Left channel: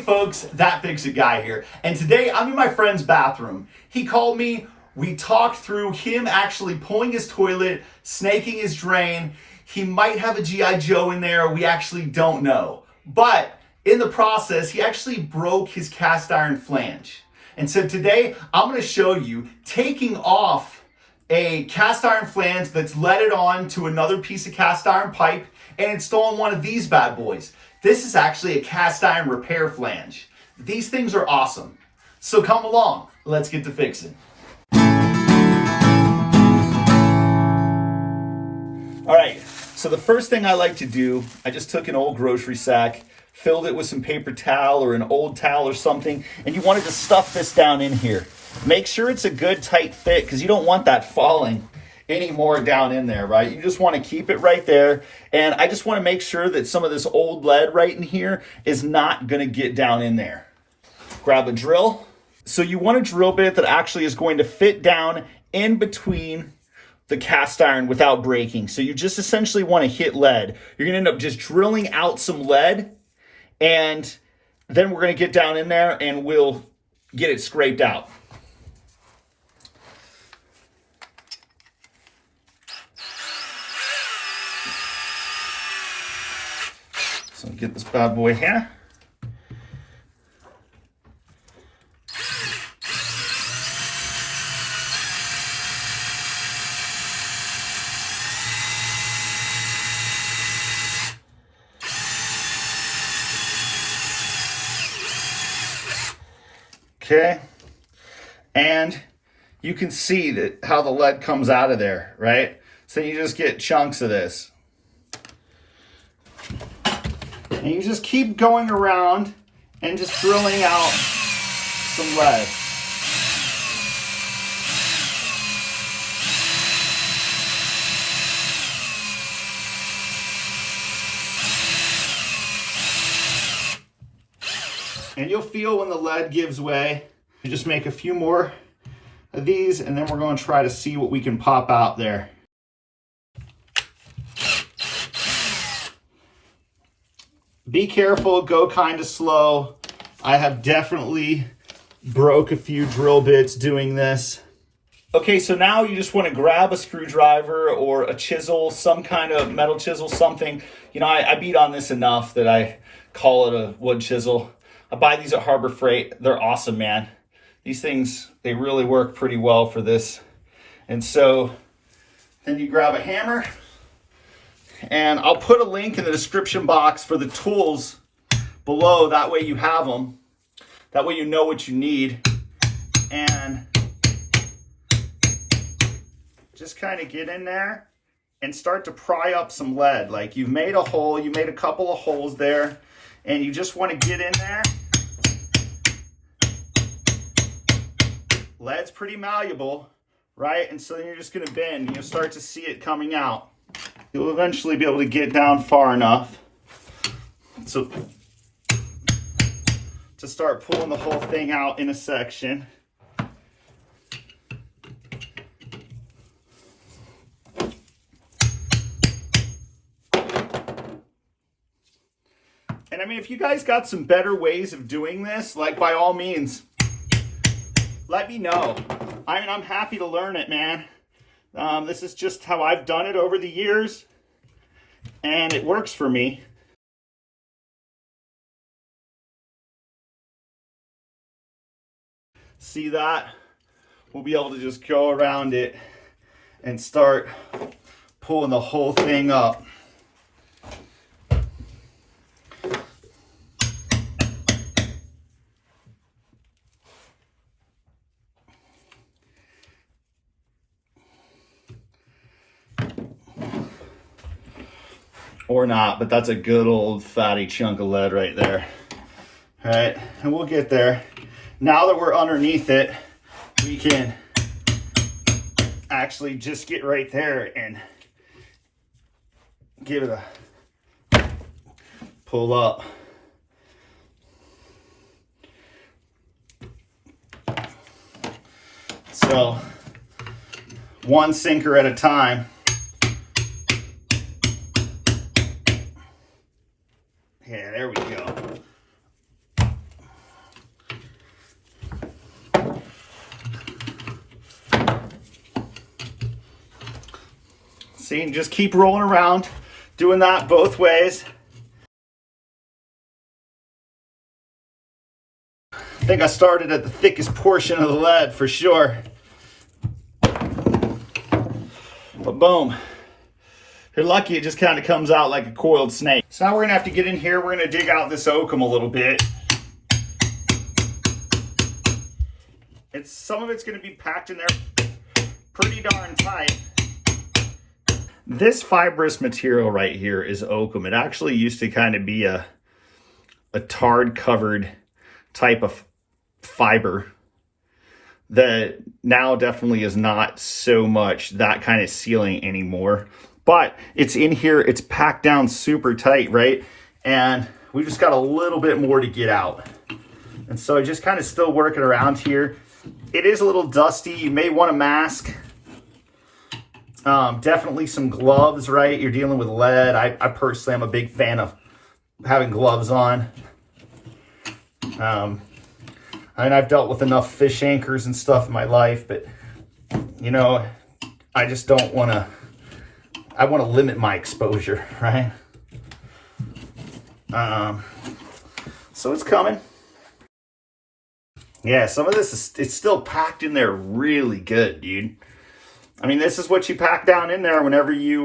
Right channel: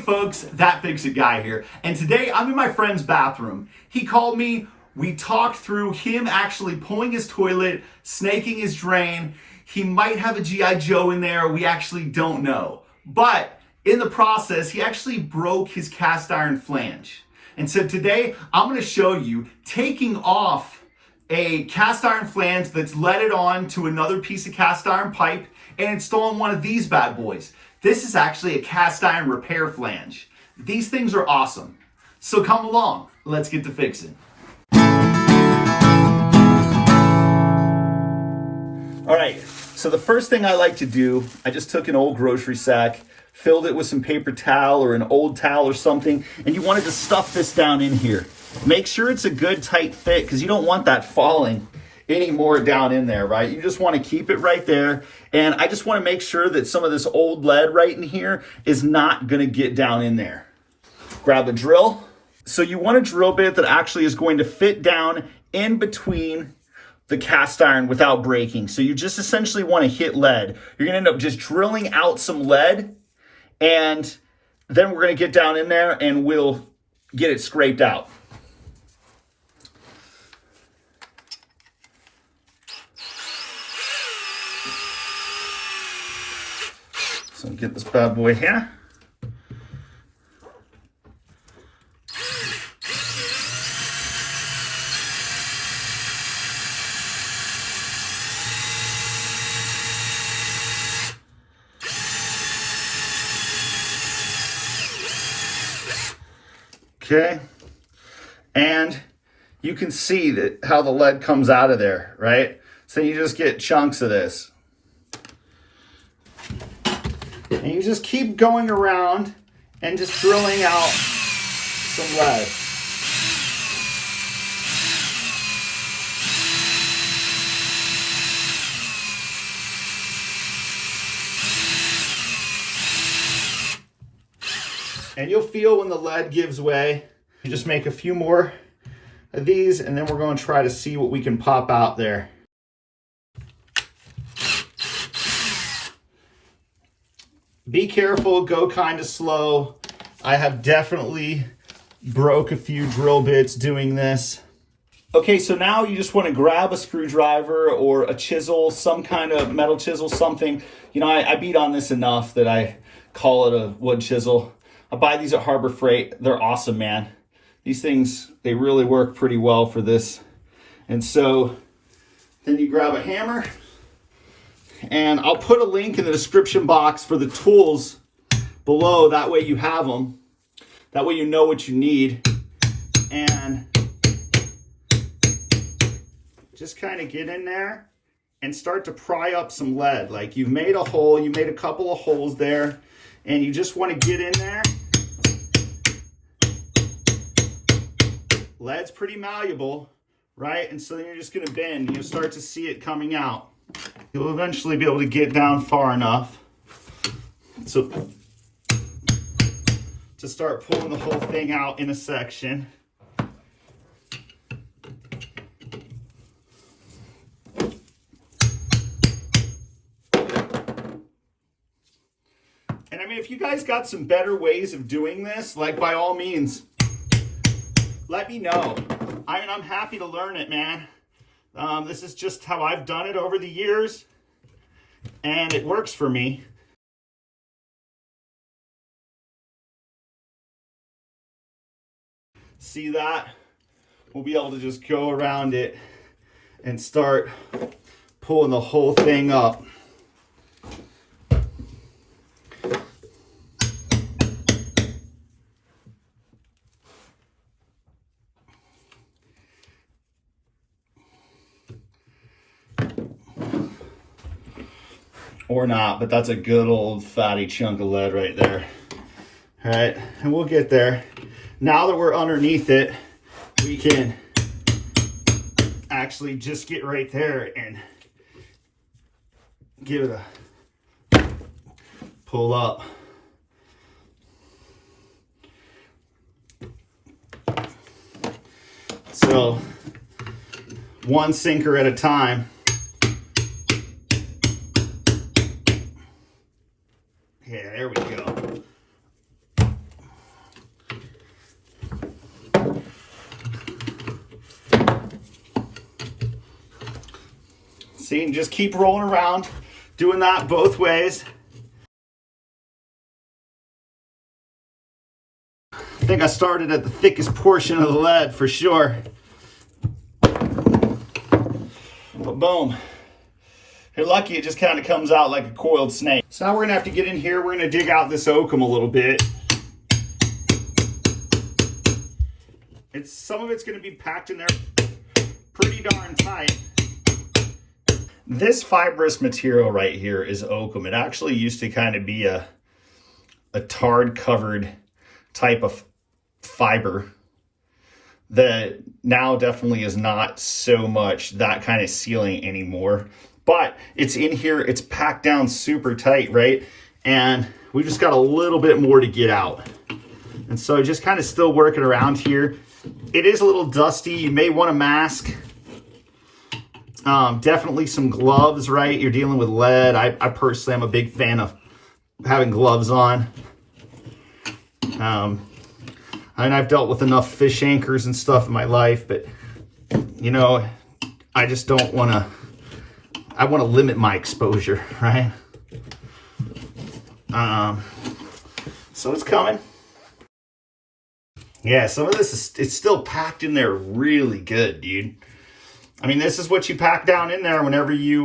Hey folks, That Fix It Guy here, and today I'm in my friend's bathroom. He called me, we talked through him actually pulling his toilet, snaking his drain. He might have a G.I. Joe in there, we actually don't know. But in the process, he actually broke his cast iron flange. And so today I'm gonna show you taking off a cast iron flange that's leaded on to another piece of cast iron pipe and installing one of these bad boys. This is actually a cast iron repair flange. These things are awesome. So come along, let's get to fixing. All right, so the first thing I like to do, I just took an old grocery sack, filled it with some paper towel or an old towel or something, and you wanted to stuff this down in here. Make sure it's a good tight fit because you don't want that falling any more down in there, right? You just want to keep it right there. And I just want to make sure that some of this old lead right in here is not going to get down in there. Grab a drill. So you want a drill bit that actually is going to fit down in between the cast iron without breaking. So you just essentially want to hit lead. You're going to end up just drilling out some lead, and then we're going to get down in there and we'll get it scraped out. So get this bad boy here. Okay, and you can see that how the lead comes out of there, right? So you just get chunks of this. And you just keep going around and just drilling out some lead. And you'll feel when the lead gives way. You just make a few more of these, and then we're going to try to see what we can pop out there. Be careful, go kind of slow. I have definitely broke a few drill bits doing this. Okay, so now you just want to grab a screwdriver or a chisel, some kind of metal chisel, something. You know, I beat on this enough that I call it a wood chisel. I buy these at Harbor Freight. They're awesome, man. These things, they really work pretty well for this. And so then you grab a hammer, and I'll put a link in the description box for the tools below. That way you have them. That way you know what you need. And just kind of get in there and start to pry up some lead. Like you've made a hole, you made a couple of holes there, and you just want to get in there. Lead's pretty malleable, right? And so then you're just going to bend. You'll start to see it coming out. You'll eventually be able to get down far enough so to start pulling the whole thing out in a section. And I mean, if you guys got some better ways of doing this, like by all means, let me know. I mean, I'm happy to learn it, man. This is just how I've done it over the years, and it works for me. See that? We'll be able to just go around it and start pulling the whole thing up. Or not, but that's a good old fatty chunk of lead right there. All right, and we'll get there. Now that we're underneath it, we can actually just get right there and give it a pull up. So, one sinker at a time. Yeah, there we go. See, and just keep rolling around, doing that both ways. I think I started at the thickest portion of the lead for sure. But boom. If you're lucky, it just kind of comes out like a coiled snake. So now we're gonna have to get in here. We're gonna dig out this oakum a little bit. Some of it's gonna be packed in there pretty darn tight. This fibrous material right here is oakum. It actually used to kind of be a tard covered type of fiber that now definitely is not so much that kind of sealing anymore. But it's in here, it's packed down super tight, right? And we just got a little bit more to get out. And so just kind of still working around here. It is a little dusty. You may want a mask. Definitely some gloves, right? You're dealing with lead. I personally am a big fan of having gloves on. And I've dealt with enough fish anchors and stuff in my life, but you know, I just don't want to, I want to limit my exposure, right? So it's coming. Yeah, some of this is, it's still packed in there really good, dude. I mean, this is what you pack down in there whenever you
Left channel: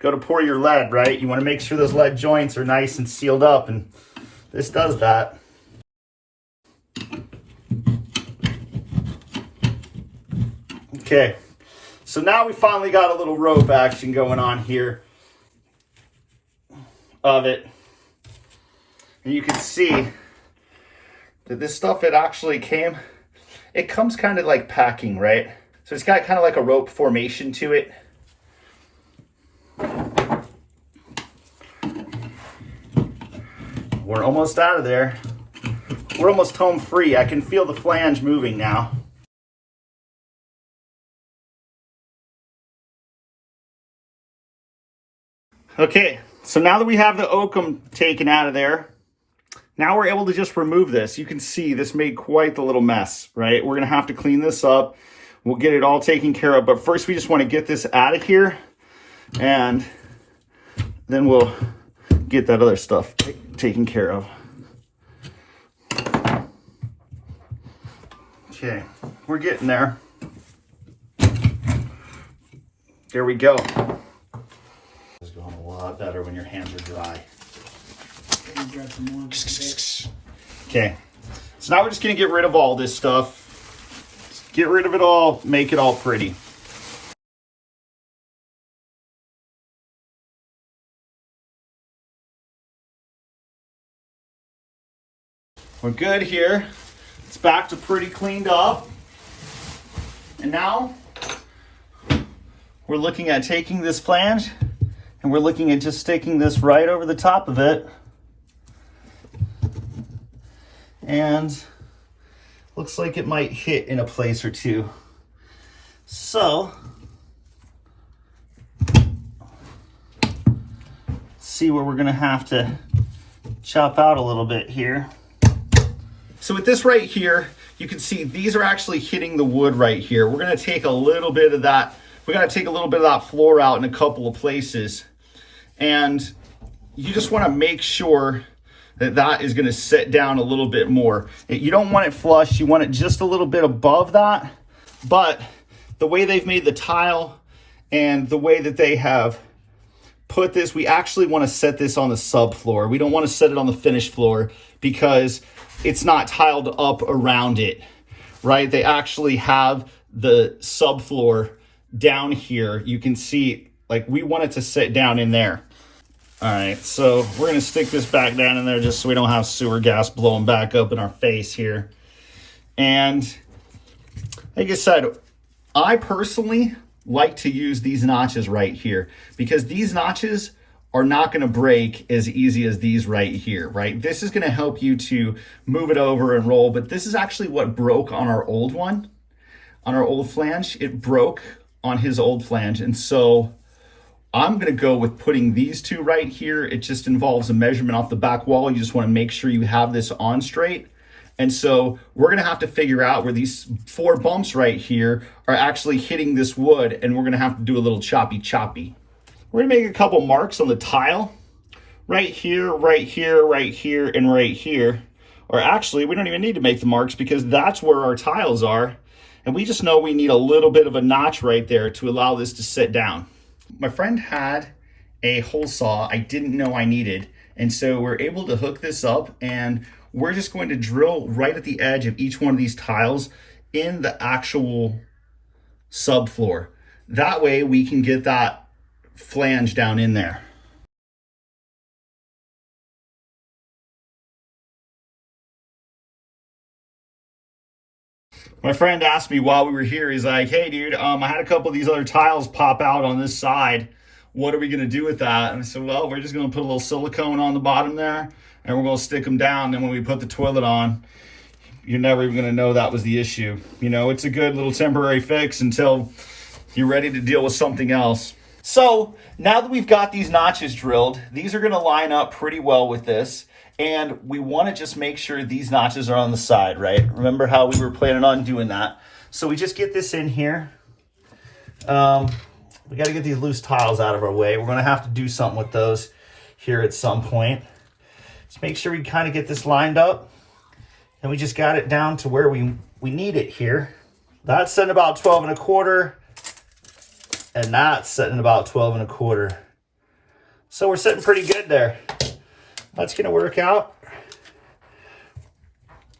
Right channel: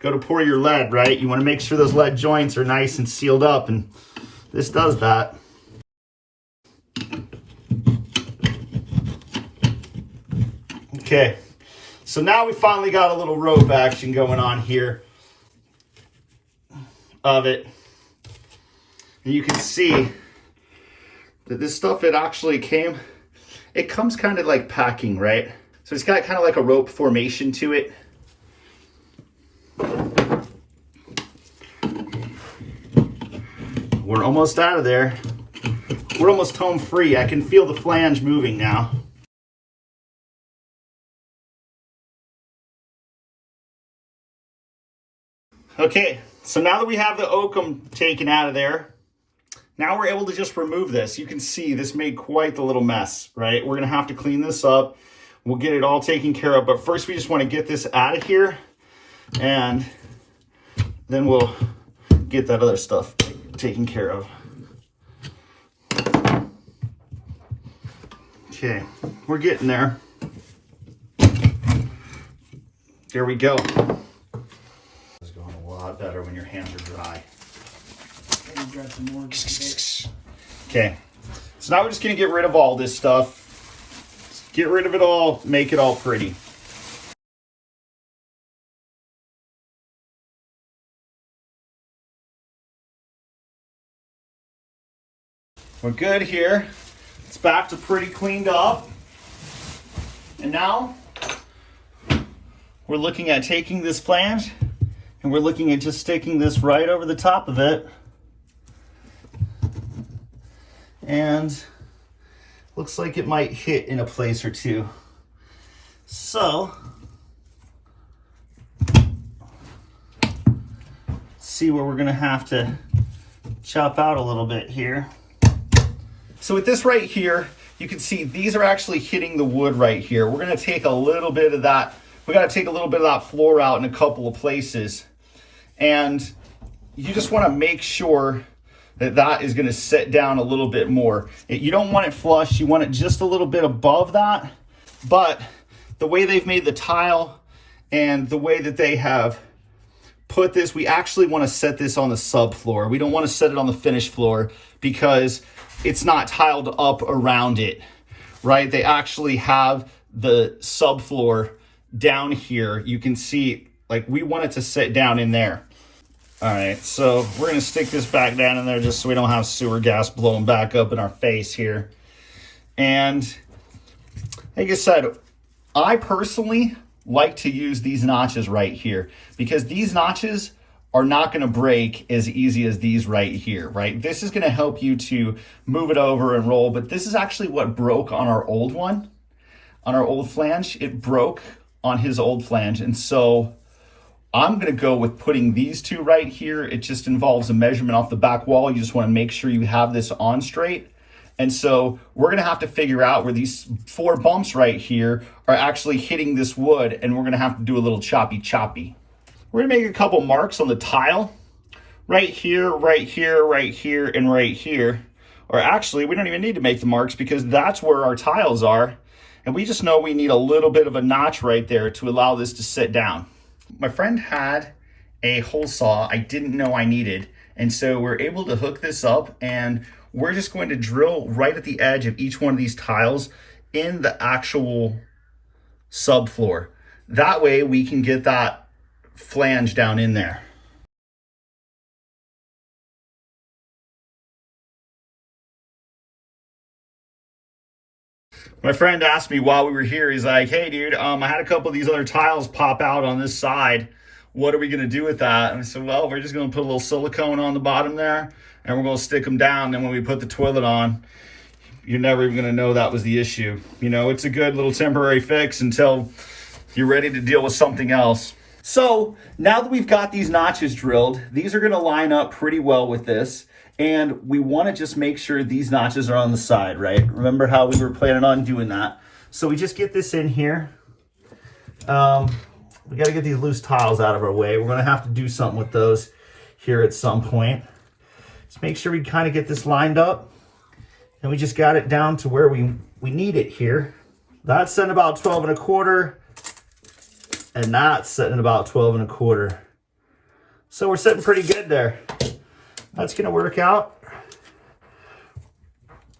go to pour your lead, right? You want to make sure those lead joints are nice and sealed up, and this does that. Okay, so now we finally got a little rope action going on here of it. And you can see that this stuff, it actually it comes kind of like packing, right? So it's got kind of like a rope formation to it. We're almost out of there. We're almost home free. I can feel the flange moving now. Okay, so now that we have the oakum taken out of there, now we're able to just remove this. You can see this made quite the little mess, right? We're gonna have to clean this up. We'll get it all taken care of, but first we just wanna get this out of here, and then we'll get that other stuff taken care of. Okay, we're getting there. There we go. It's going a lot better when your hands are dry. Okay, so now we're just gonna get rid of all this stuff. Get rid of it all, make it all pretty. We're good here. It's back to pretty cleaned up. And now we're looking at taking this flange and we're looking at just sticking this right over the top of it. And looks like it might hit in a place or two. So, see where we're gonna have to chop out a little bit here. So with this right here, you can see these are actually hitting the wood right here. We're gonna take a little bit of that, we gotta take a little bit of that floor out in a couple of places. And you just wanna make sure that is gonna sit down a little bit more. You don't want it flush, you want it just a little bit above that, but the way they've made the tile and the way that they have put this, we actually wanna set this on the subfloor. We don't wanna set it on the finished floor because it's not tiled up around it, right? They actually have the subfloor down here. You can see, like, we want it to sit down in there. All right, so we're gonna stick this back down in there just so we don't have sewer gas blowing back up in our face here. And like I said, I personally like to use these notches right here because these notches are not gonna break as easy as these right here, right? This is gonna help you to move it over and roll, but this is actually what broke on our old one, on our old flange. It broke on his old flange, and so I'm gonna go with putting these two right here. It just involves a measurement off the back wall. You just wanna make sure you have this on straight, And so we're gonna have to figure out where these 4 bumps right here are actually hitting this wood, and we're gonna have to do a little choppy. We're gonna make a couple marks on the tile, right here, right here, right here, and right here. Or actually, we don't even need to make the marks because that's where our tiles are. And we just know we need a little bit of a notch right there to allow this to sit down. My friend had a hole saw I didn't know I needed. And so we're able to hook this up, and we're just going to drill right at the edge of each one of these tiles in the actual subfloor. That way we can get that flange down in there. My friend asked me while we were here, he's like, hey dude, I had a couple of these other tiles pop out on this side. What are we gonna do with that? And I said, well, we're just gonna put a little silicone on the bottom there, and we're gonna stick them down. Then when we put the toilet on, you're never even gonna know that was the issue. You know, it's a good little temporary fix until you're ready to deal with something else. So now that we've got these notches drilled, these are gonna line up pretty well with this. And we wanna just make sure these notches are on the side, right? Remember how we were planning on doing that. So we just get this in here. We gotta get these loose tiles out of our way. We're gonna have to do something with those here at some point. Just make sure we kind of get this lined up. And we just got it down to where we need it here. That's setting about 12 1/4. And that's setting about 12 1/4. So we're sitting pretty good there. That's gonna work out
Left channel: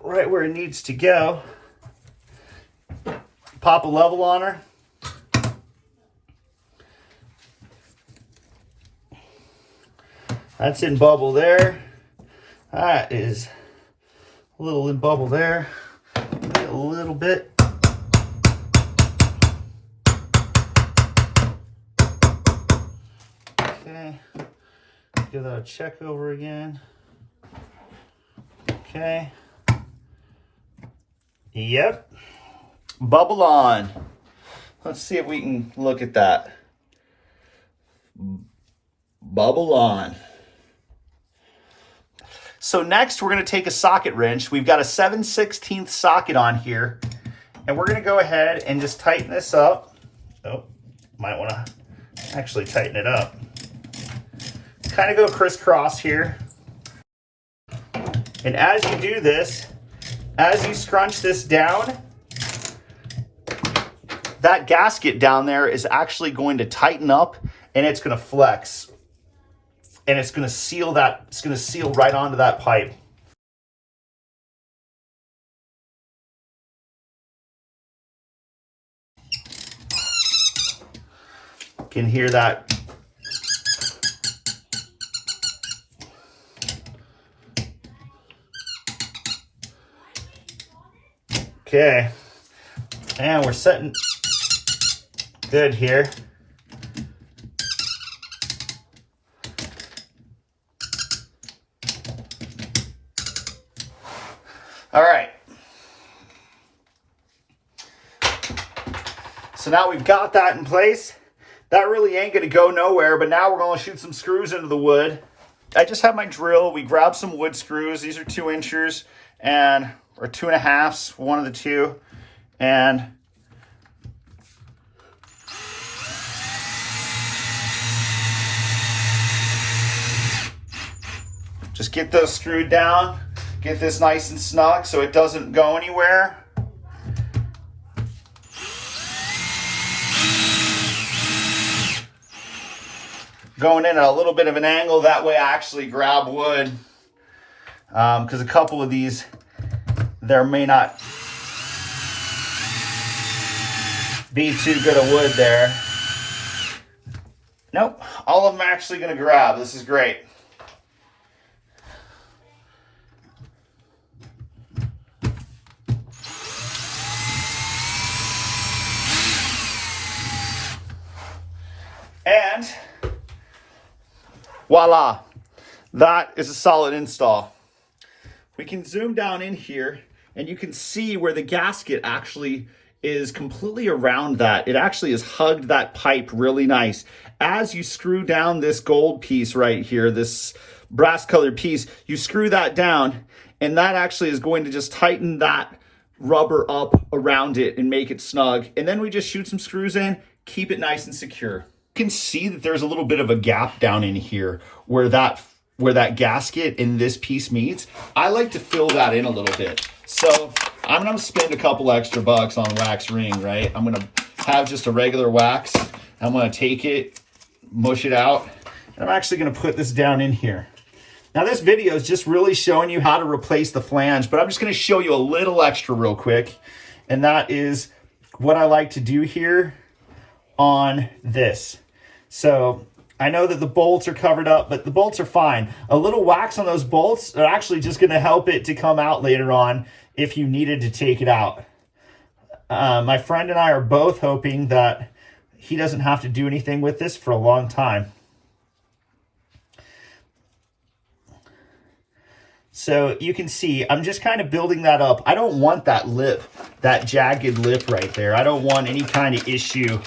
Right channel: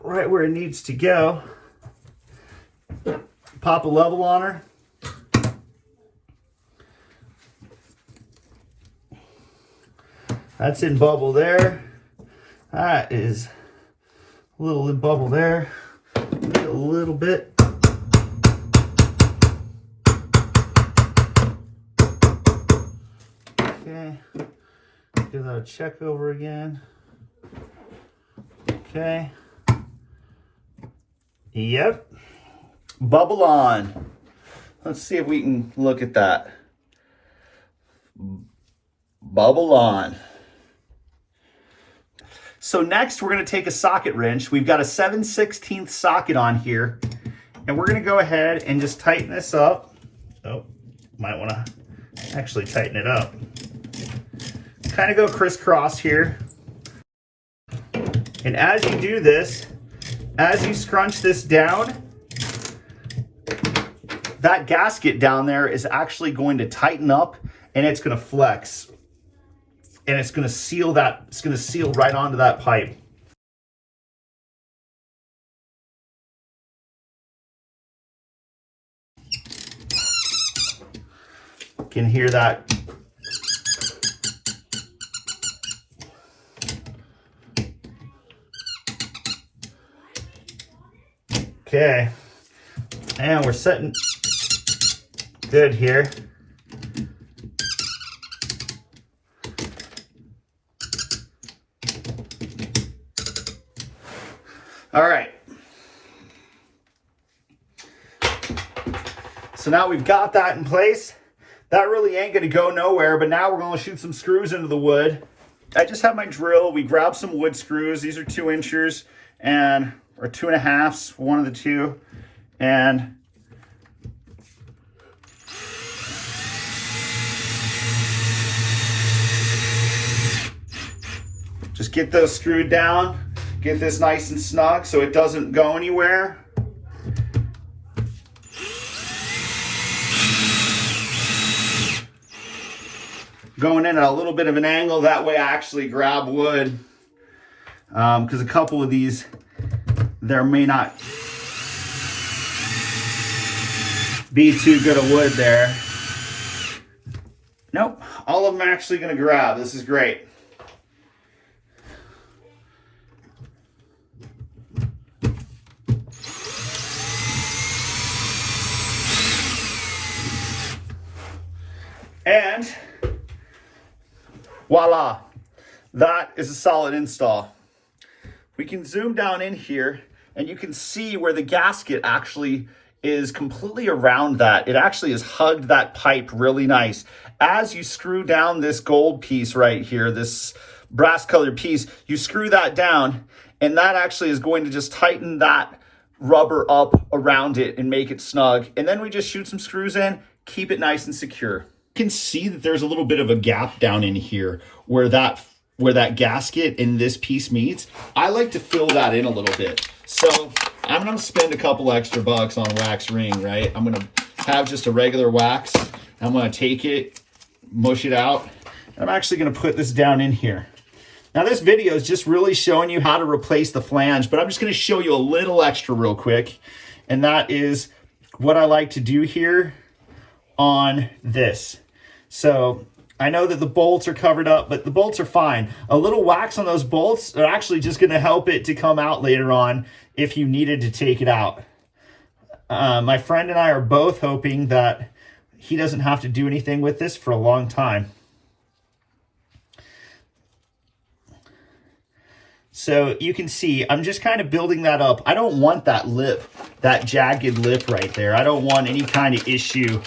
right where it needs to go. Pop a level on her. That's in bubble there. That is a little in bubble there. A little bit. Okay. Give that a check over again. Okay. Yep. Bubble on. Let's see if we can look at that. Bubble on. So next we're going to take a socket wrench. We've got a 7/16 socket on here, and we're going to go ahead and just tighten this up. Oh, might want to actually tighten it up. Kind of go crisscross here. And as you do this, as you scrunch this down, that gasket down there is actually going to tighten up, and it's going to flex. And it's going to seal that, it's going to seal right onto that pipe. Can hear that. Okay, and we're setting good here. All right. So now we've got that in place. That really ain't gonna go nowhere, but now we're gonna shoot some screws into the wood. I just have my drill. We grabbed some wood screws. These are 2 inchers and or 2 1/2, one of the two. And just get those screwed down. Get this nice and snug so it doesn't go anywhere. Going in at a little bit of an angle, that way I actually grab wood. Because a couple of these, there may not be too good a wood there. Nope, all of them are actually gonna grab. This is great. And voila, that is a solid install. We can zoom down in here and you can see where the gasket actually is completely around that. It actually has hugged that pipe really nice. As you screw down this gold piece right here, this brass colored piece, you screw that down And that actually is going to just tighten that rubber up around it and make it snug. And then we just shoot some screws in, keep it nice and secure. You can see that there's a little bit of a gap down in here where that gasket in this piece meets. I like to fill that in a little bit. So I'm gonna spend a couple extra bucks on a wax ring, right? I'm gonna have just a regular wax. I'm gonna take it, mush it out, and I'm actually gonna put this down in here. Now this video is just really showing you how to replace the flange, but I'm just gonna show you a little extra real quick. And that is what I like to do here on this. So I know that the bolts are covered up, but the bolts are fine. A little wax on those bolts are actually just gonna help it to come out later on if you needed to take it out. My friend and I are both hoping that he doesn't have to do anything with this for a long time. So you can see, I'm just kind of building that up. I don't want that lip, that jagged lip right there. I don't want any kind of issue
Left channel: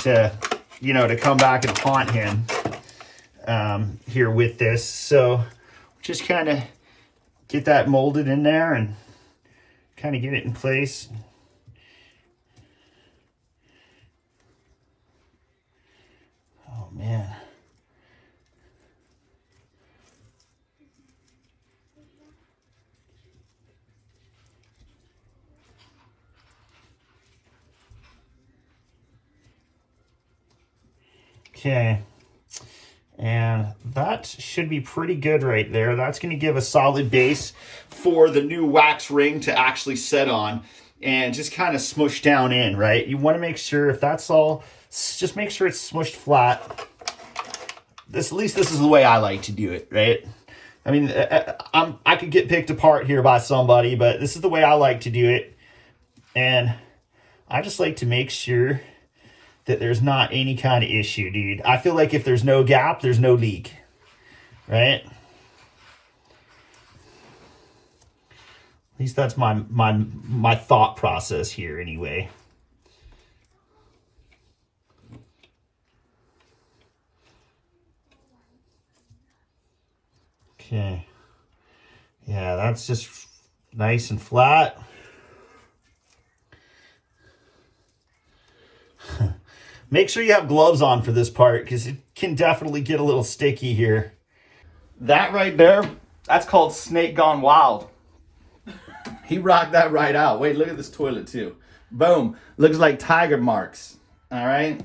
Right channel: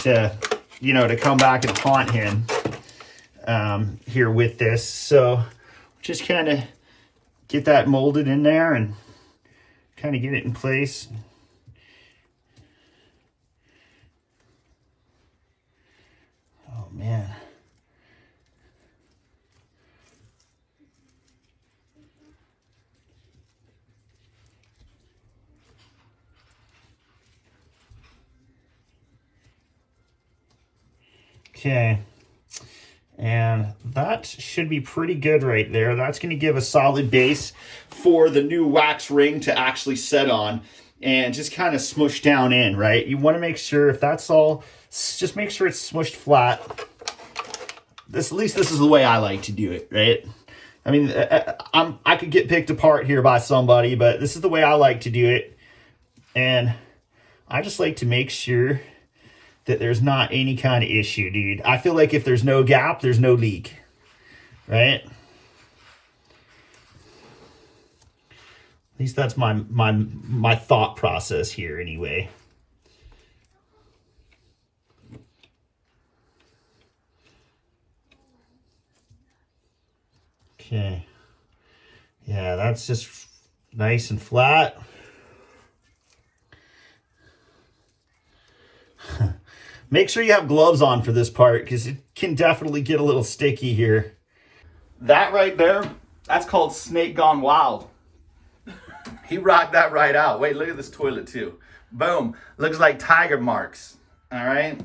to, you know, to come back and haunt him here with this. So just kind of get that molded in there and kind of get it in place. Oh man. Okay, and that should be pretty good right there. That's going to give a solid base for the new wax ring to actually set on and just kind of smush down in, right? You want to make sure if that's all, just make sure it's smushed flat. At least this is the way I like to do it, right? I mean, I could get picked apart here by somebody, but this is the way I like to do it. And I just like to make sure that there's not any kind of issue, dude. I feel like if there's no gap, there's no leak, right? At least that's my thought process here anyway. Okay. Yeah, that's just nice and flat. Make sure you have gloves on for this part because it can definitely get a little sticky here. That right there, that's called Snake Gone Wild. He rocked that right out. Wait, look at this toilet too. Boom. Looks like tiger marks. All right.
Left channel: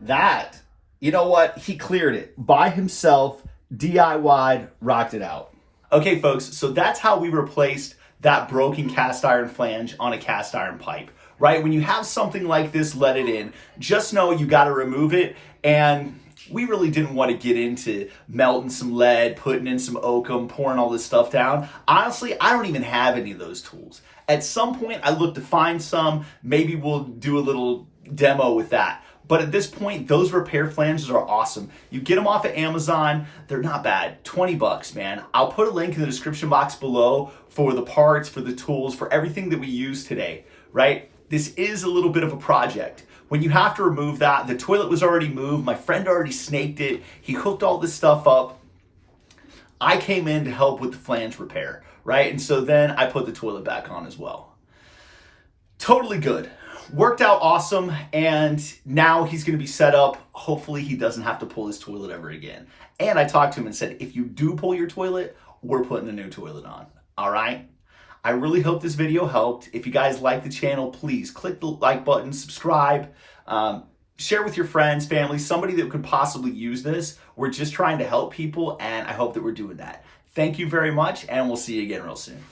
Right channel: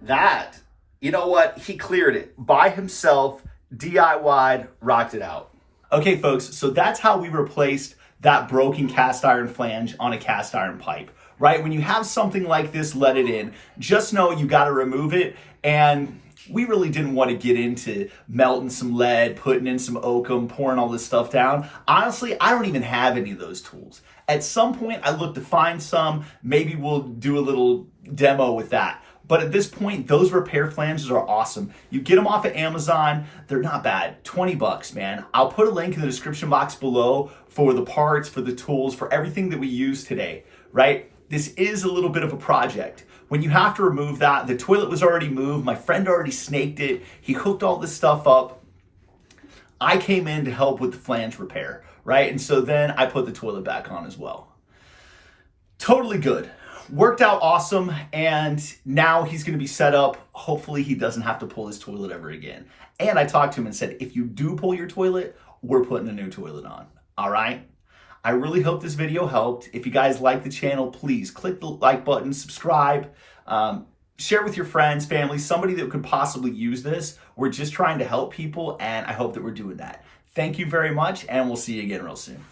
That, you know what? He cleared it by himself, DIY'd, rocked it out. Okay, folks, so that's how we replaced that broken cast iron flange on a cast iron pipe. Right? When you have something like this, let it in. Just know you got to remove it. And we really didn't want to get into melting some lead, putting in some oakum, pouring all this stuff down. Honestly, I don't even have any of those tools. At some point, I look to find some. Maybe we'll do a little demo with that. But at this point, those repair flanges are awesome. You get them off of Amazon. They're not bad. 20 bucks, man. I'll put a link in the description box below for the parts, for the tools, for everything that we use today, right? This is a little bit of a project. When you have to remove that, the toilet was already moved. My friend already snaked it. He hooked all this stuff up. I came in to help with the flange repair, right? And so then I put the toilet back on as well. Totally good. Worked out awesome. And now he's going to be set up. Hopefully he doesn't have to pull his toilet ever again. And I talked to him and said, if you do pull your toilet, we're putting a new toilet on. All right? I really hope this video helped. If you guys like the channel, please click the like button, subscribe, share with your friends, family, somebody that could possibly use this. We're just trying to help people, and I hope that we're doing that. Thank you very much, and we'll see you again real soon.